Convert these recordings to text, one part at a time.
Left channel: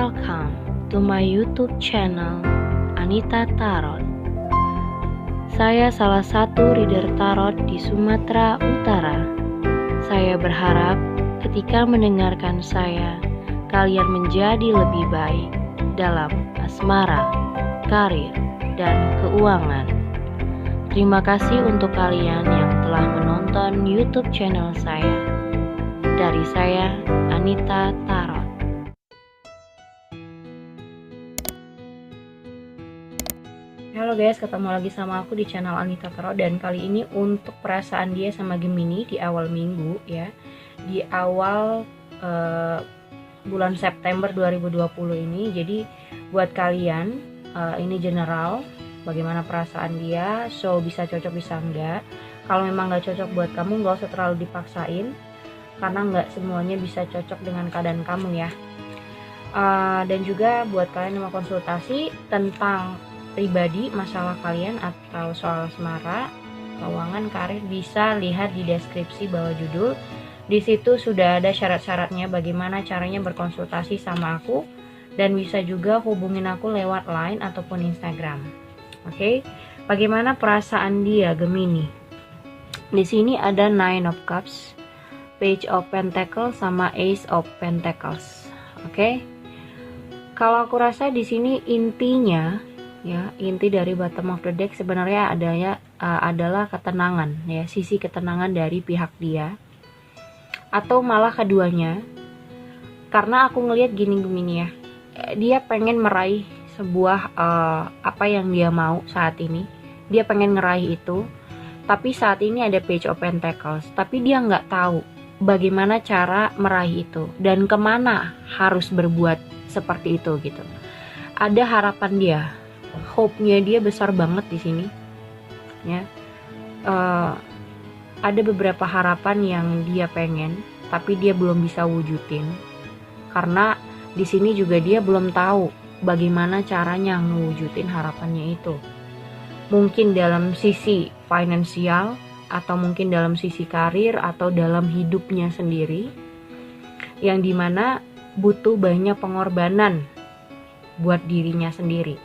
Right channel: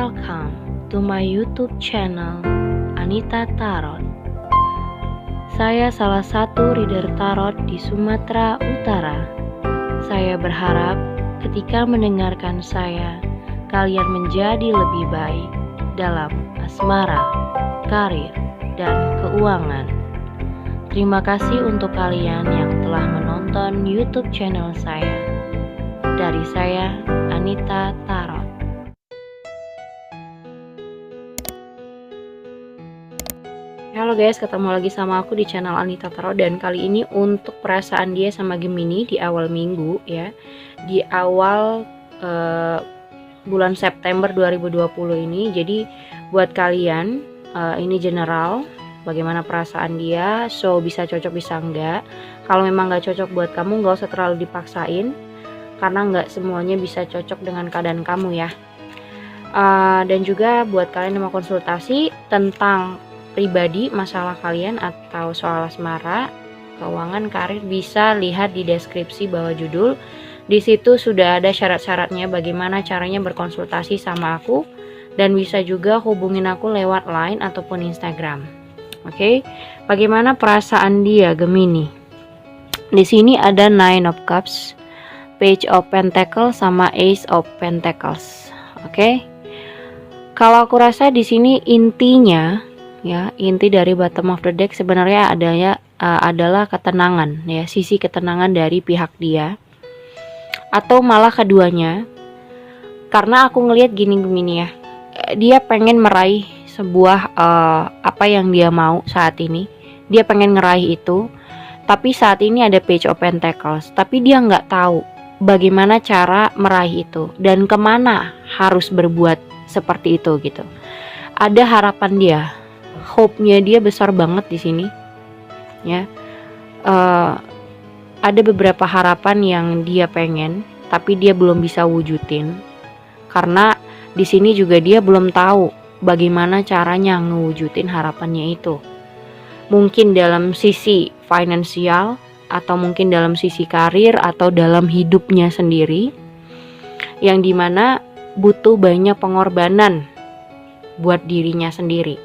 Welcome to my YouTube channel Anita Tarot. Saya salah satu reader tarot di Sumatera Utara. Saya berharap ketika mendengarkan saya, kalian menjadi lebih baik dalam asmara, karir, dan keuangan. Terima kasih untuk kalian yang telah menonton YouTube channel saya. Dari saya, Anita Tarot. Halo guys, ketemu lagi sama aku di channel Anita Tarot. Dan kali ini untuk perasaan dia sama Gemini di awal minggu ya. Di awal bulan September 2020 ini. Jadi buat kalian ini general, bagaimana perasaan dia. So bisa cocok bisa enggak. Kalau memang enggak cocok buat kamu, enggak usah terlalu dipaksain, karena enggak semuanya bisa cocok dengan keadaan kamu ya. Dan juga buat kalian yang mau konsultasi tentang pribadi, masalah kalian atau soal asmara, keuangan, karir, bisa lihat di deskripsi bawah judul. Di situ sudah ada syarat-syaratnya bagaimana caranya berkonsultasi sama aku, dan bisa juga hubungin aku lewat Line ataupun Instagram. Oke, bagaimana perasaan dia Gemini? Di sini ada Nine of Cups, Page of Pentacles sama Ace of Pentacles. Oke. Kalau aku rasa di sini intinya ya, inti dari bottom of the deck sebenarnya adalah ketenangan ya, sisi ketenangan dari pihak dia atau malah keduanya. Karena aku ngelihat gini ya, dia pengen meraih sebuah apa yang dia mau saat ini, dia pengen ngeraih itu, tapi saat ini ada Page of Pentacles, tapi dia nggak tahu bagaimana cara meraih itu dan kemana harus berbuat seperti itu gitu. Ada harapan dia, hope-nya dia besar banget di sini ya. Ada beberapa harapan yang dia pengen tapi dia belum bisa wujudin, karena di sini juga dia belum tahu bagaimana caranya ngewujudin harapannya itu. Mungkin dalam sisi finansial, atau mungkin dalam sisi karir, atau dalam hidupnya sendiri, yang dimana butuh banyak pengorbanan buat dirinya sendiri.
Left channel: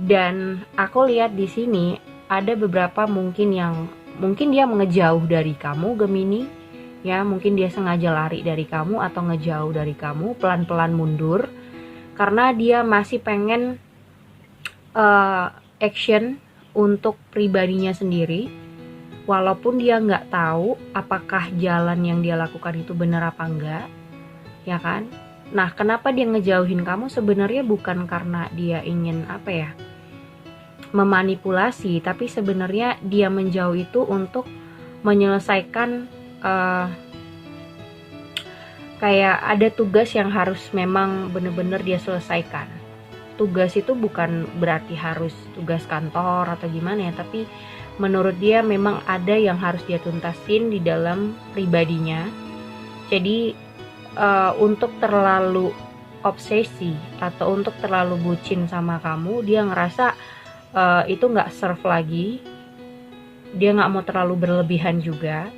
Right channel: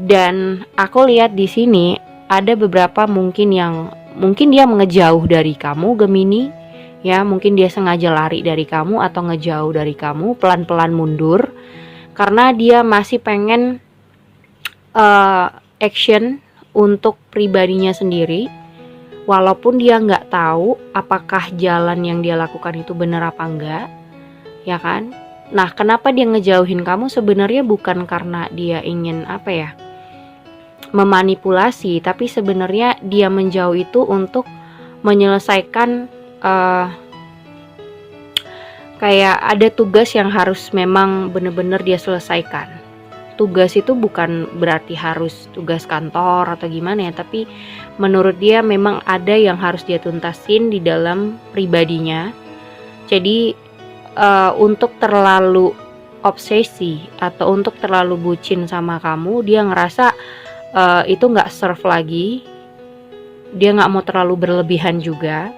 Dan aku lihat di sini ada beberapa mungkin dia ngejauh dari kamu Gemini ya, mungkin dia sengaja lari dari kamu atau ngejauh dari kamu, pelan-pelan mundur karena dia masih pengen action untuk pribadinya sendiri, walaupun dia nggak tahu apakah jalan yang dia lakukan itu benar apa enggak ya kan. Nah, kenapa dia ngejauhin kamu sebenarnya bukan karena dia ingin memanipulasi, tapi sebenarnya dia menjauh itu untuk menyelesaikan kayak ada tugas yang harus memang benar-benar dia selesaikan. Tugas itu bukan berarti harus tugas kantor atau gimana ya, tapi menurut dia memang ada yang harus dia tuntasin di dalam pribadinya. Jadi untuk terlalu obsesi atau untuk terlalu bucin sama kamu, dia ngerasa itu nggak serve lagi, dia nggak mau terlalu berlebihan juga,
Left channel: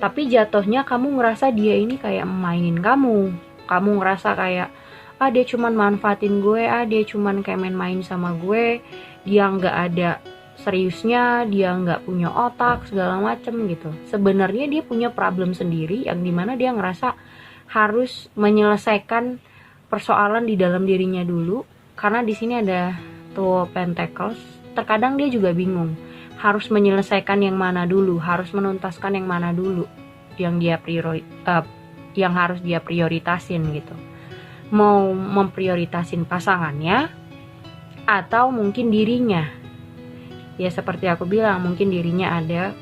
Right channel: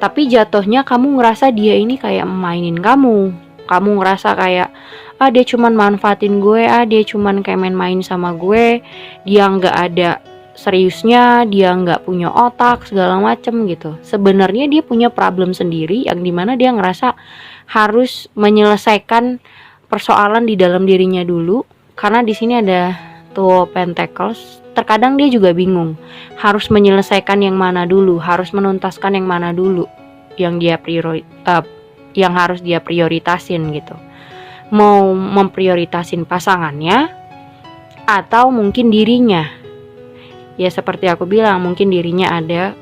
tapi jatuhnya kamu ngerasa dia ini kayak mainin kamu ngerasa kayak dia cuman manfaatin gue, dia cuman kayak main-main sama gue, dia nggak ada seriusnya, dia nggak punya otak segala macem gitu. Sebenarnya dia punya problem sendiri yang dimana dia ngerasa harus menyelesaikan persoalan di dalam dirinya dulu, karena di sini ada Two of Pentacles. Terkadang dia juga bingung harus menyelesaikan yang mana dulu, harus menuntaskan yang mana dulu, yang harus dia prioritasin gitu. Mau memprioritasin pasangannya atau mungkin dirinya. Ya seperti aku bilang, mungkin dirinya ada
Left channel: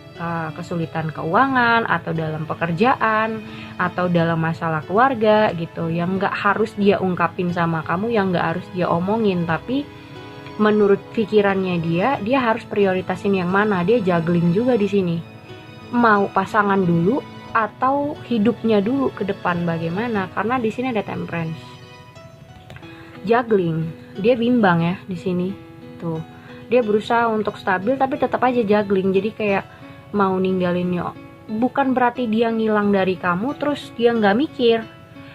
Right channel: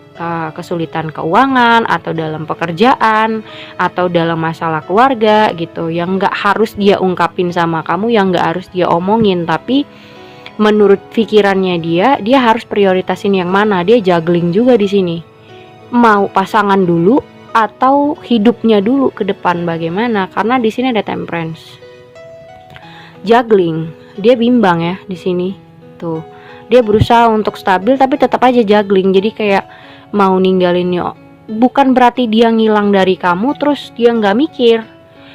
kesulitan keuangan atau dalam pekerjaan atau dalam masalah keluarga gitu, yang nggak harus dia ungkapin sama kamu, yang nggak harus dia omongin, tapi menurut pikirannya dia harus prioritasin yang mana. Dia juggling juga di sini, mau pasangan dulu atau hidupnya dulu ke depan bagaimana, karena di sini ada Temperance. Juggling, dia bimbang ya di sini tuh. Dia berusaha untuk stabil tapi tetap aja juggling. Jadi kayak mau ninggalinnya, bukan berarti dia ngilang dari kamu terus dia nggak mikir,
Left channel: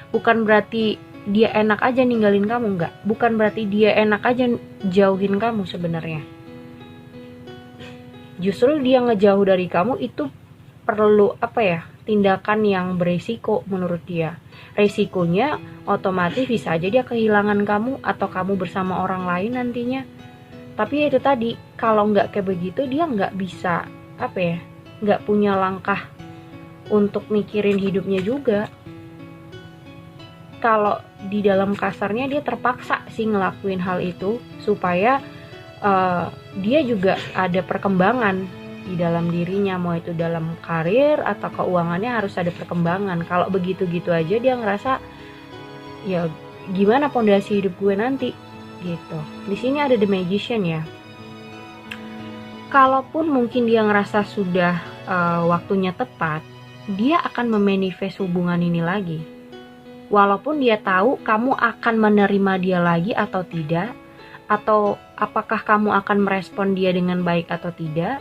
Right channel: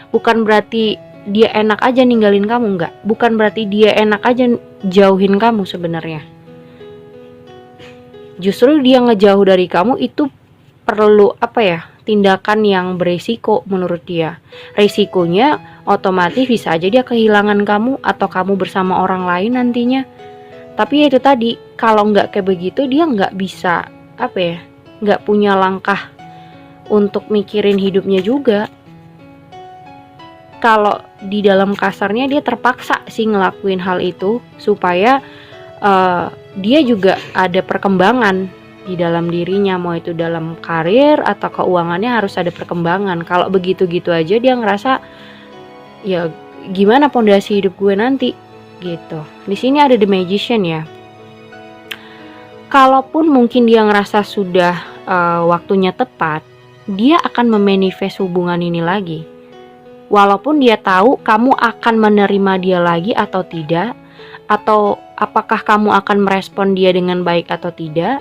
bukan berarti dia enak aja ninggalin kamu, enggak. Bukan berarti dia enak aja jauhin kamu sebenarnya. Justru dia ngejauh dari kamu itu perlu tindakan yang beresiko menurut dia. Resikonya otomatis bisa aja dia kehilangan kamu atau kamu bersama orang lain nantinya. Tapi ya itu tadi, kalau nggak kayak begitu dia nggak bisa nggak punya langkah untuk mikirin hidupnya juga. Kalau di dalam kasarnya dia terpaksa sih ngelakuin hal itu supaya dia juga ada perkembangan di dalam dirinya, mau itu dalam karir atau keuangannya harus ada perkembangan. Kalau begitu-gitu aja dia ngerasa ya gimana pondasi hidup gue nanti gitu. Di sini ada The Magician ya. Kalaupun mungkin dia ngerasa sudah waktunya tepat, dia akan memanifest hubungan ini lagi. Walaupun dia tahu kamu akan menerima dia lagi atau tidak, atau apakah kamu akan merespon dia dengan baik atau tidak,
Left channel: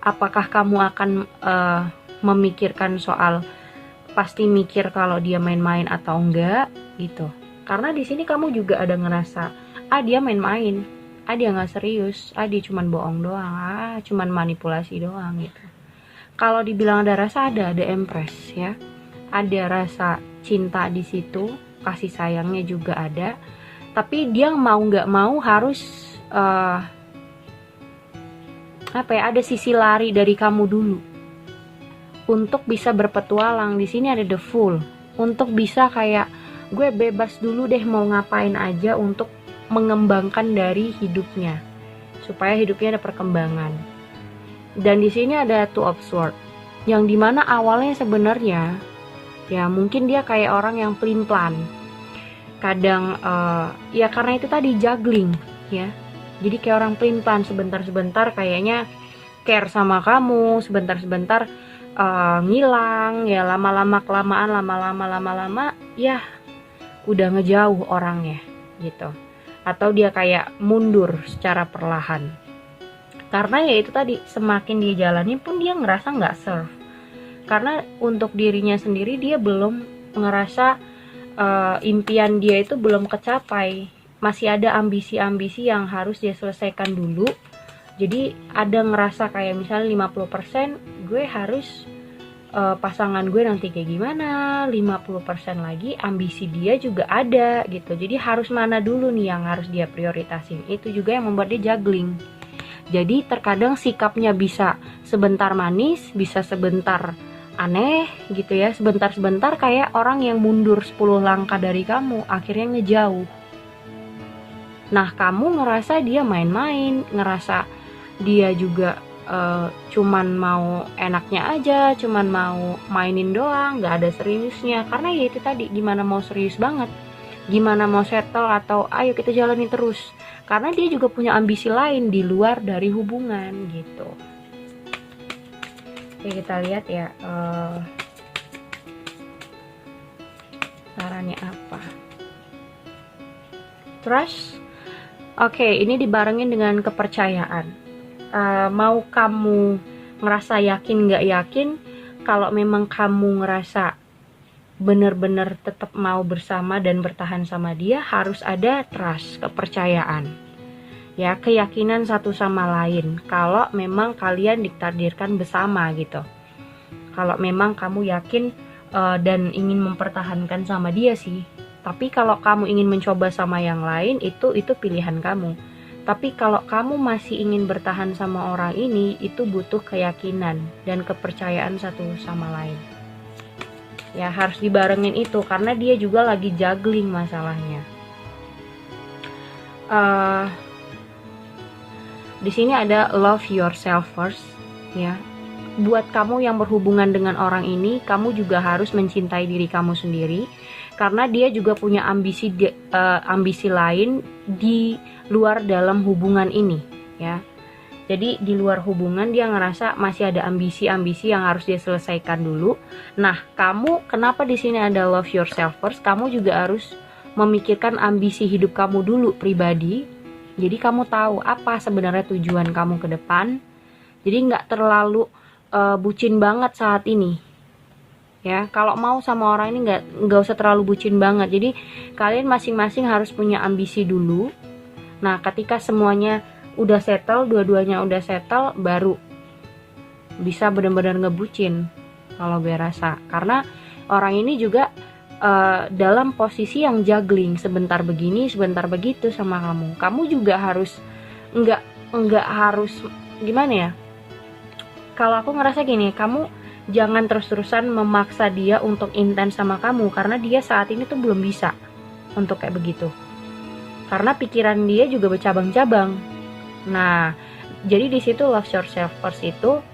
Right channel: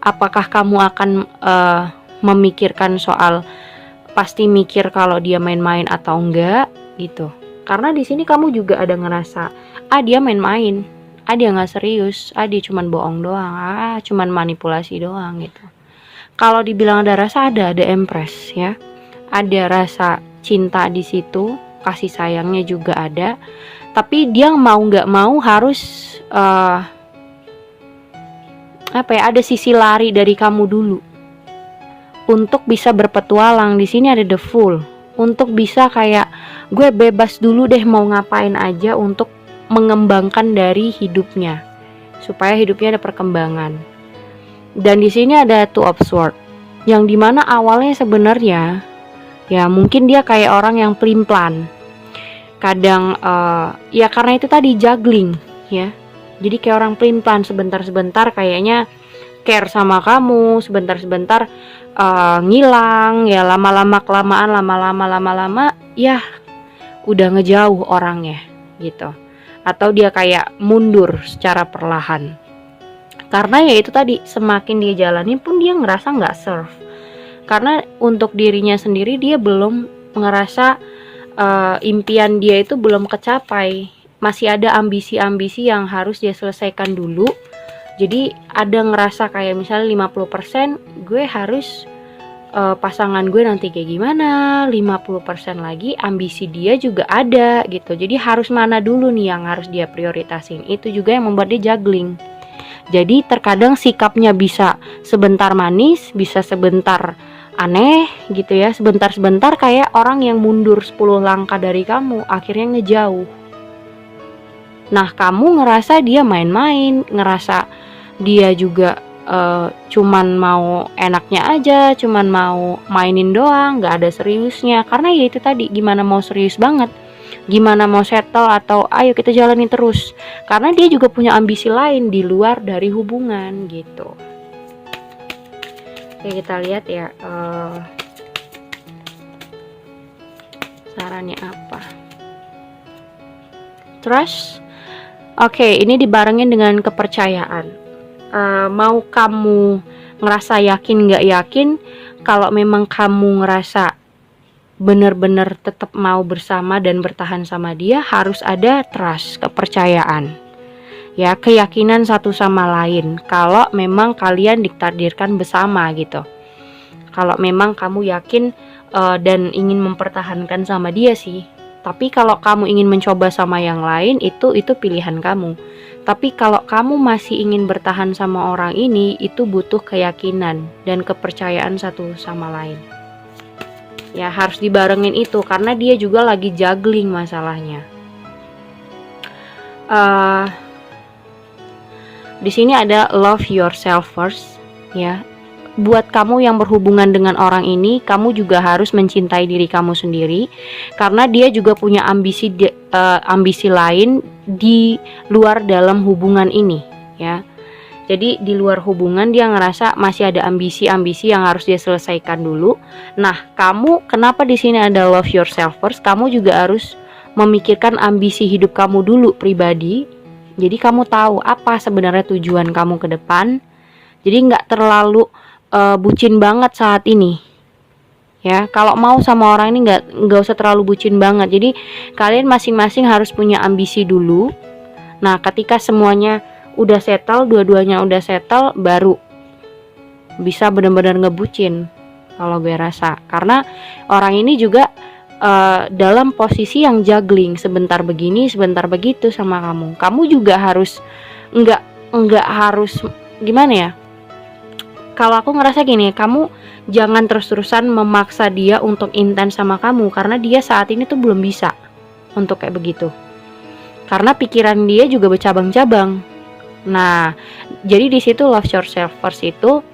apakah kamu akan memikirkan soal pasti mikir kalau dia main-main atau enggak gitu. Karena di sini kamu juga ada ngerasa dia main-main, dia nggak serius, dia cuman bohong doang, cuman manipulasi doang gitu. Kalau dibilang ada rasa, ada Empress ya, ada rasa cinta di situ, kasih sayangnya juga ada. Tapi dia mau nggak mau harus ada sisi lari dari kamu dulu untuk bisa berpetualang. Di sini ada The Fool, untuk bisa kayak gue bebas dulu deh mau ngapain aja untuk mengembangkan dari hidupnya supaya hidupnya ada perkembangan. Dan di sini ada Two of Swords, yang dimana awalnya sebenarnya ya mungkin dia kayak orang yang pelin-pelan. Kadang ya karena itu tadi juggling ya. Jadi kayak orang pelin-pelan, sebentar-sebentar kayaknya care sama kamu, sebentar-sebentar ngilang, ya lama-lama kelamaan, lama-lama ya udah ngejauh orangnya gitu. Atau dia kayak mundur secara perlahan. Karena ya itu tadi, semakin dia jalani pun dia ngerasa nggak serve. Karena untuk dirinya sendiri dia belum ngerasa impian dia itu belum kecapai. Masih ada ambisi-ambisi yang harus dia selesaikan dulu. Jadi ada ngerasa kayak misalnya 50% gue harus pasangan gue nanti kayak gimana, 50% lagi ambisi dia juga ada gitu. Jadi harus mana dulu nih yang harus dia prioritasin. Itu juga yang membuat dia juggling. Jadi terkadang sikapnya bisa sebentar manis, bisa sebentar aneh gitu ya, sebentar-sebentar kayak orang yang mundur 10 langkah dari kamu, akhirnya ngejauh. Nah kamu ngerasa dia main-main, ngerasa dia juga cuman mau enaknya aja, cuman mau mainin doang, gak ada seriusnya. Karena ya itu tadi, gimana mau serius banget, gimana mau settle atau ayo kita jalani terus. Karena dia juga punya ambisi lain di luar dari hubungan gitu. Oke, kita lihat ya sarannya apa. Trust. Oke, ini dibarengin dengan kepercayaan. Mau kamu ngerasa yakin gak yakin, kalau memang kamu ngerasa bener-bener tetap mau bersama dan bertahan sama dia, harus ada trust, kepercayaan ya, keyakinan satu sama lain kalau memang kalian ditakdirkan bersama gitu. Kalau memang kamu yakin dan ingin mempertahankan sama dia sih. Tapi kalau kamu ingin mencoba sama yang lain, itu pilihan kamu. Tapi kalau kamu masih ingin bertahan sama orang ini, itu butuh keyakinan dan kepercayaan satu sama lain. Ya harus dibarengin itu, karena dia juga lagi juggling masalahnya. Di sini ada love yourself first ya. Buat kamu yang berhubungan dengan orang ini, kamu juga harus mencintai diri kamu sendiri, karena dia juga punya ambisi lain di luar dalam hubungan ini ya. Jadi di luar hubungan dia ngerasa masih ada ambisi-ambisi yang harus dia selesaikan dulu. Nah, kamu kenapa di sini ada love yourself first? Kamu juga harus memikirkan ambisi hidup kamu dulu pribadi. Jadi kamu tahu apa sebenarnya tujuan kamu ke depan. Jadi nggak terlalu bucin banget saat ini ya. Kalau mau sama orang ini nggak usah terlalu bucin banget. Jadi kalian masing-masing harus punya ambisi dulu. Nah, ketika semuanya udah settle, dua-duanya udah settle, baru bisa benar-benar ngebucin kalau gue rasa. Karena orang ini juga dalam posisi yang juggling, sebentar begini sebentar begitu sama kamu. Kamu juga harus nggak harus gimana ya, kalau aku ngerasa gini, kamu jangan terus-terusan memaksa dia untuk intens sama kamu, karena dia saat ini tuh belum bisa untuk kayak begitu. Karena pikiran dia juga bercabang-cabang. Nah, jadi di situ love yourself first itu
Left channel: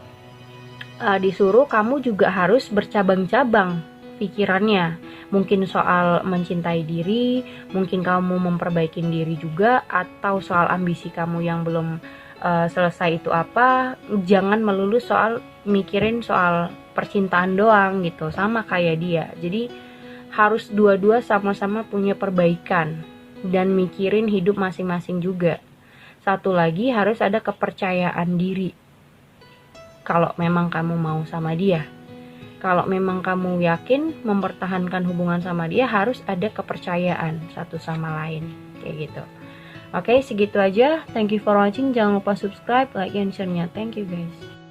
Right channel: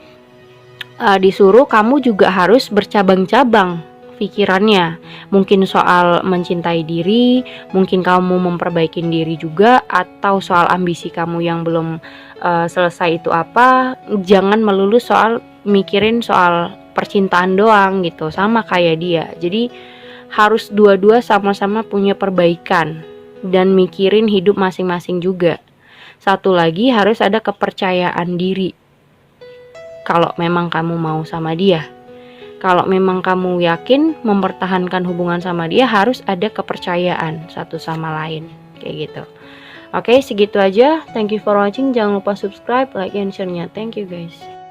disuruh kamu juga harus bercabang-cabang pikirannya. Mungkin soal mencintai diri, mungkin kamu memperbaiki diri juga, atau soal ambisi kamu yang belum selesai itu apa. Jangan melulu soal mikirin soal percintaan doang gitu, sama kayak dia. Jadi harus dua-dua sama-sama punya perbaikan dan mikirin hidup masing-masing juga. Satu lagi, harus ada kepercayaan diri kalau memang kamu mau sama dia. Kalau memang kamu yakin mempertahankan hubungan sama dia, harus ada kepercayaan satu sama lain, kayak gitu. Oke, segitu aja. Thank you for watching. Jangan lupa subscribe, like, and share-nya. Thank you guys.